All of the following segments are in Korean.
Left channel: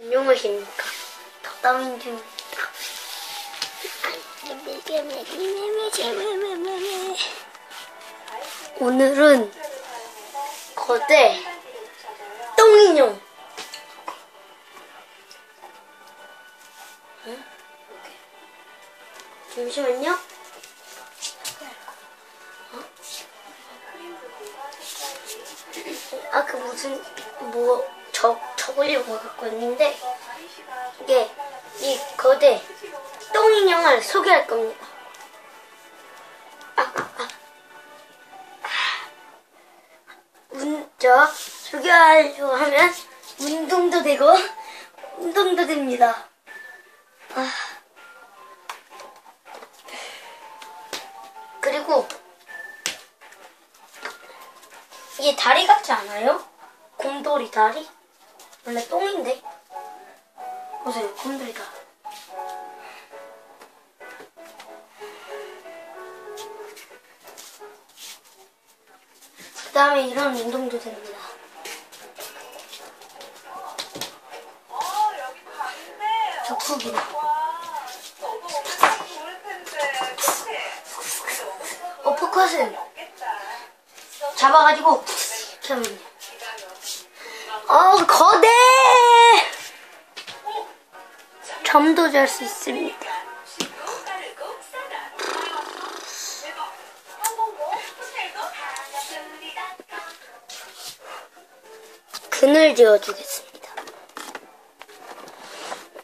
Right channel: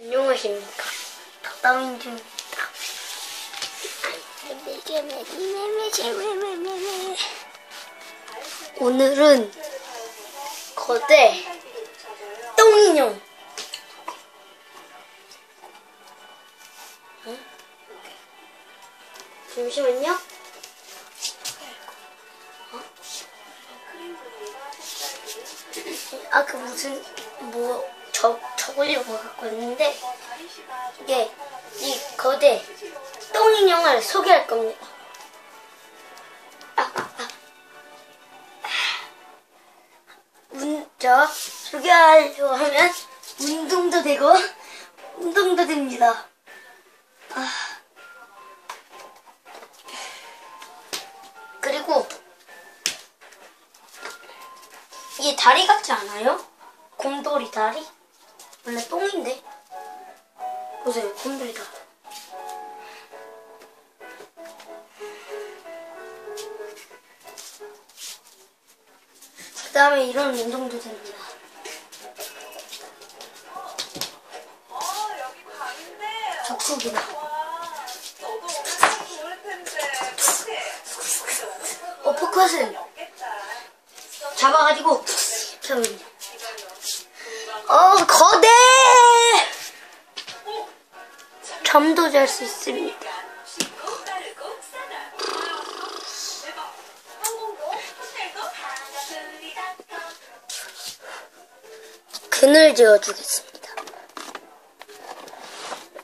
안녕하십니까. 덕담인 중입니다. 오늘은 거대 똥인형. 응? 잠시만요. 어? 아그 무슨 뭐 적, 적으려고 갖고 있는데 이게 이 거대 똥인형을 소개할 겁니다. 아, 아, 아. 먼저 소개하려고 하면 운동도 되고 운동도 됩니다. 아. 그리고 이게 다리 같지 않아요? 곰돌이 다리? 원래 똥인데. 보세요, 곰돌이 다리. 그 다음에 이런 운동도 됩니다. 그치? 어퍼컷은. 잡아가지고 이렇게 하면 돼요. 어, 거대! 잠도 잘 수 있습니다. 그늘 지어주겠습니다.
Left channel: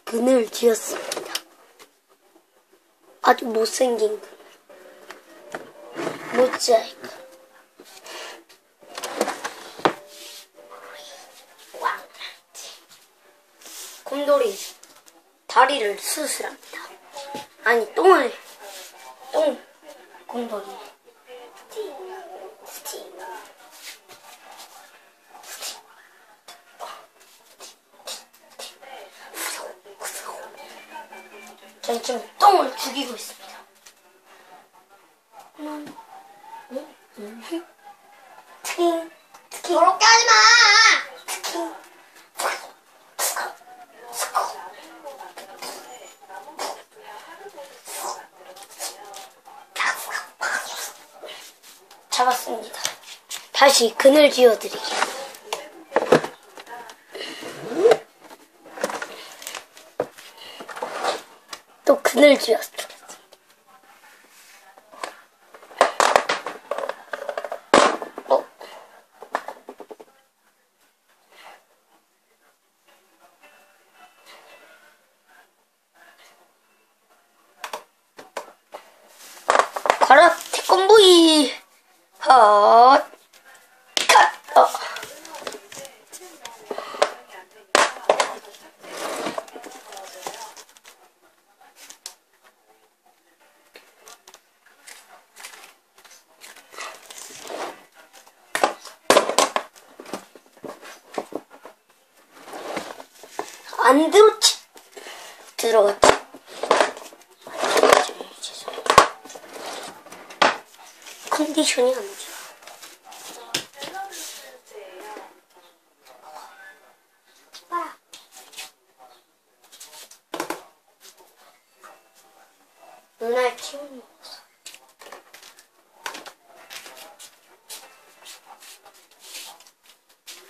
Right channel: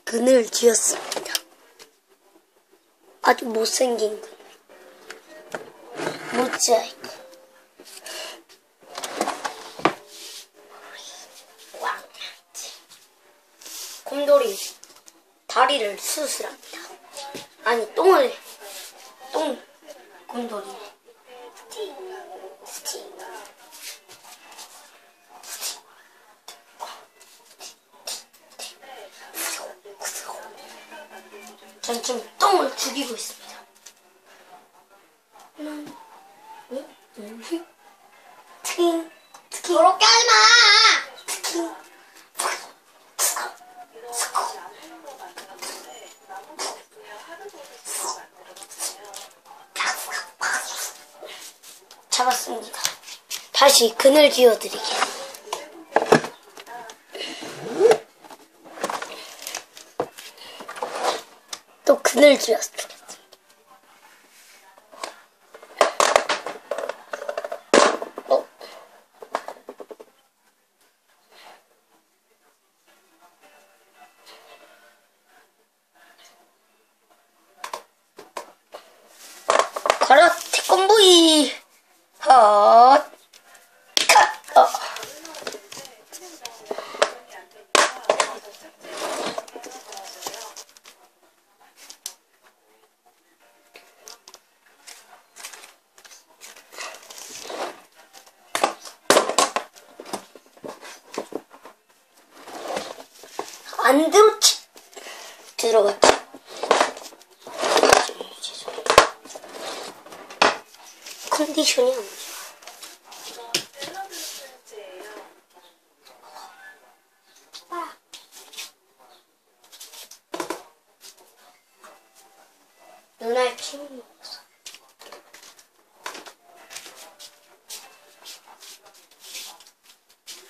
그늘 지었습니다. 아주 못생긴 그늘. 모자이크. 왕나지. 곰돌이 다리를 수술합니다. 아니 똥을 똥 곰돌이. 전 지금 똥을 죽이고 있습니다. 음, 음, 음. 트킹, 트킹. 그렇게 하지 마! 트킹. 잡았습니다. 다시 그늘 지어드릴게요. 또 그늘 지었습니다. 어? 가라 태권브이 헛 컷! 어. 안 들어갔지 컨디션이 안 좋아 누나의 피를 먹었어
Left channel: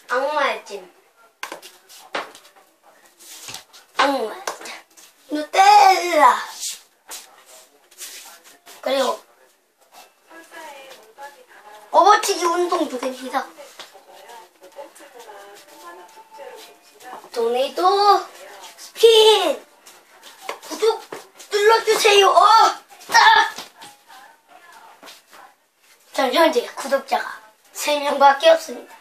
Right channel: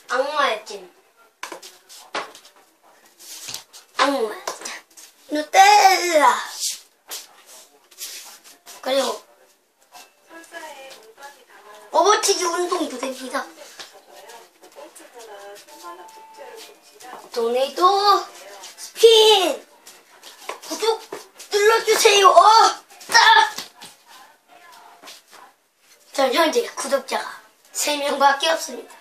악마의 찜 악마 누텔라 그리고 오버치기 운동도 됩니다 도네이도 스핀 구독 눌러주세요 어! 딱! 전 현재 구독자가 3명밖에 없습니다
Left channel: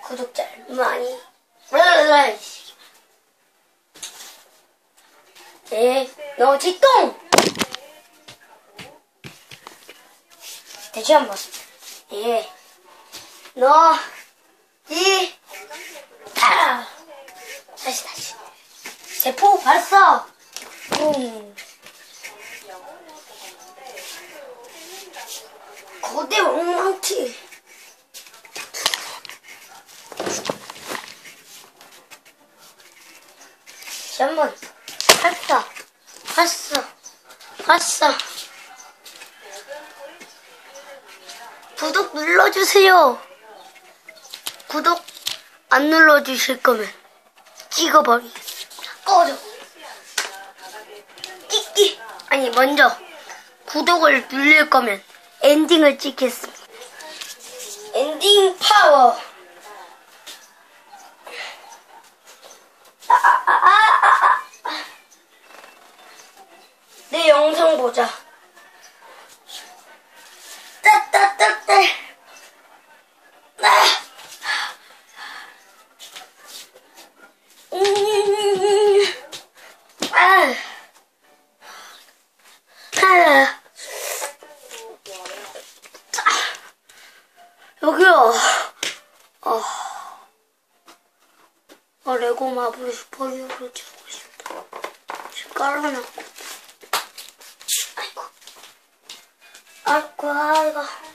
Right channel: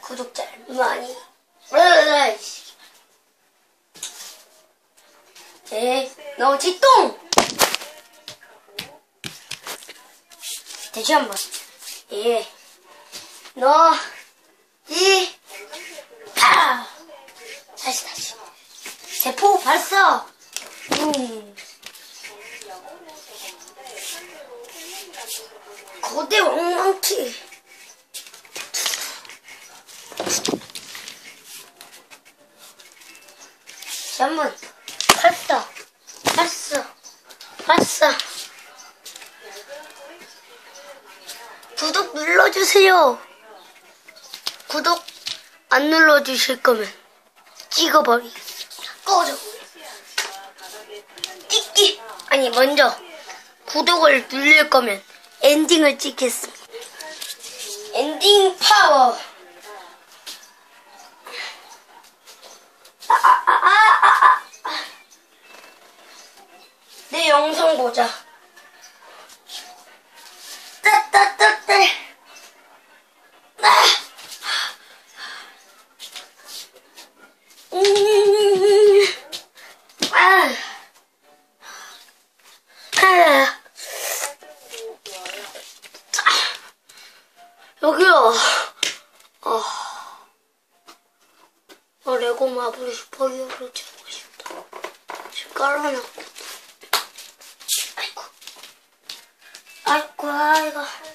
구독자를 많이 네, 너지 똥! 다시 한 번. 예. 너, 이, 파! 다시, 다시. 대포 발사! 음. 거대 엉망치. 다시 한 번 발사, 발사, 발사. 구독 눌러주세요. 구독 안 눌러주실 거면 찍어버리겠습니다. 꺼져. 찍기. 아니, 먼저 구독을 누릴 거면 엔딩을 찍겠습니다. 엔딩 파워. 아, 아, 아. 내 영상 보자. 따따따 따. 아. 음. 아. 아. 여기요. 어. 어, 레고 마블 슈퍼히어로 들고 싶다. 지금 깔아놨고. 아이고. 아이고, 아이고.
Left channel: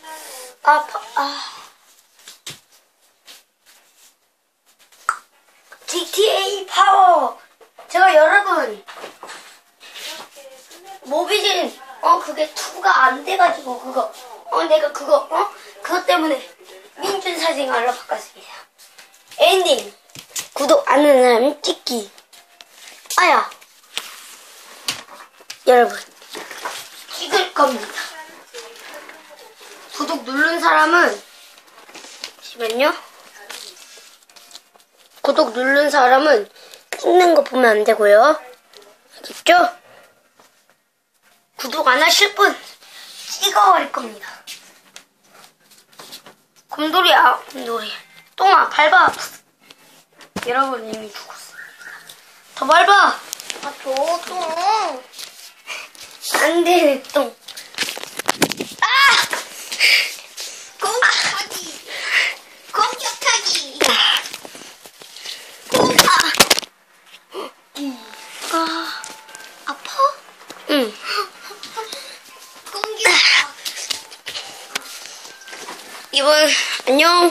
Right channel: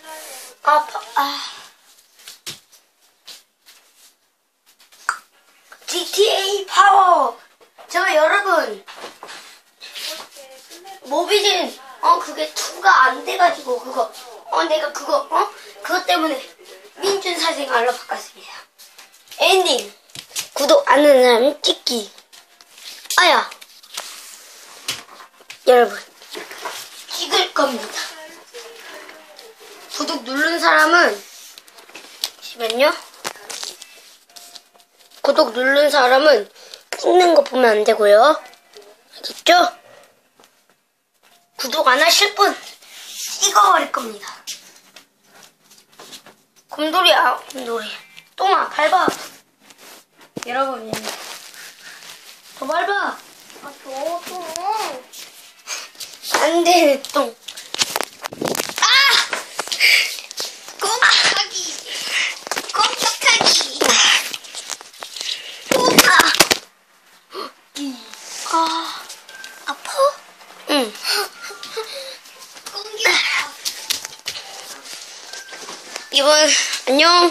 아파, 아. GTA 파워! 제가 여러분, 모비진, 어, 그게 2가 안 돼가지고, 그거, 어, 내가 그거, 어? 그것 때문에 민준 사생활로 바꿨습니다. 엔딩! 구독 안 하는 사람 찍기. 아야. 여러분, 찍을 겁니다. 구독 누른 사람은, 잠시만요. 구독 누른 사람은 찍는 거 보면 안 되고요. 알겠죠? 구독 안 하실 분 찍어버릴 겁니다. 곰돌이야, 곰돌이. 똥아, 밟아. 여러분. 더 밟아. 아, 저도. 안 되네, 똥. 아! 공격하기! 공격하기! 아, 아파? 응. 공격! 이번, 안녕.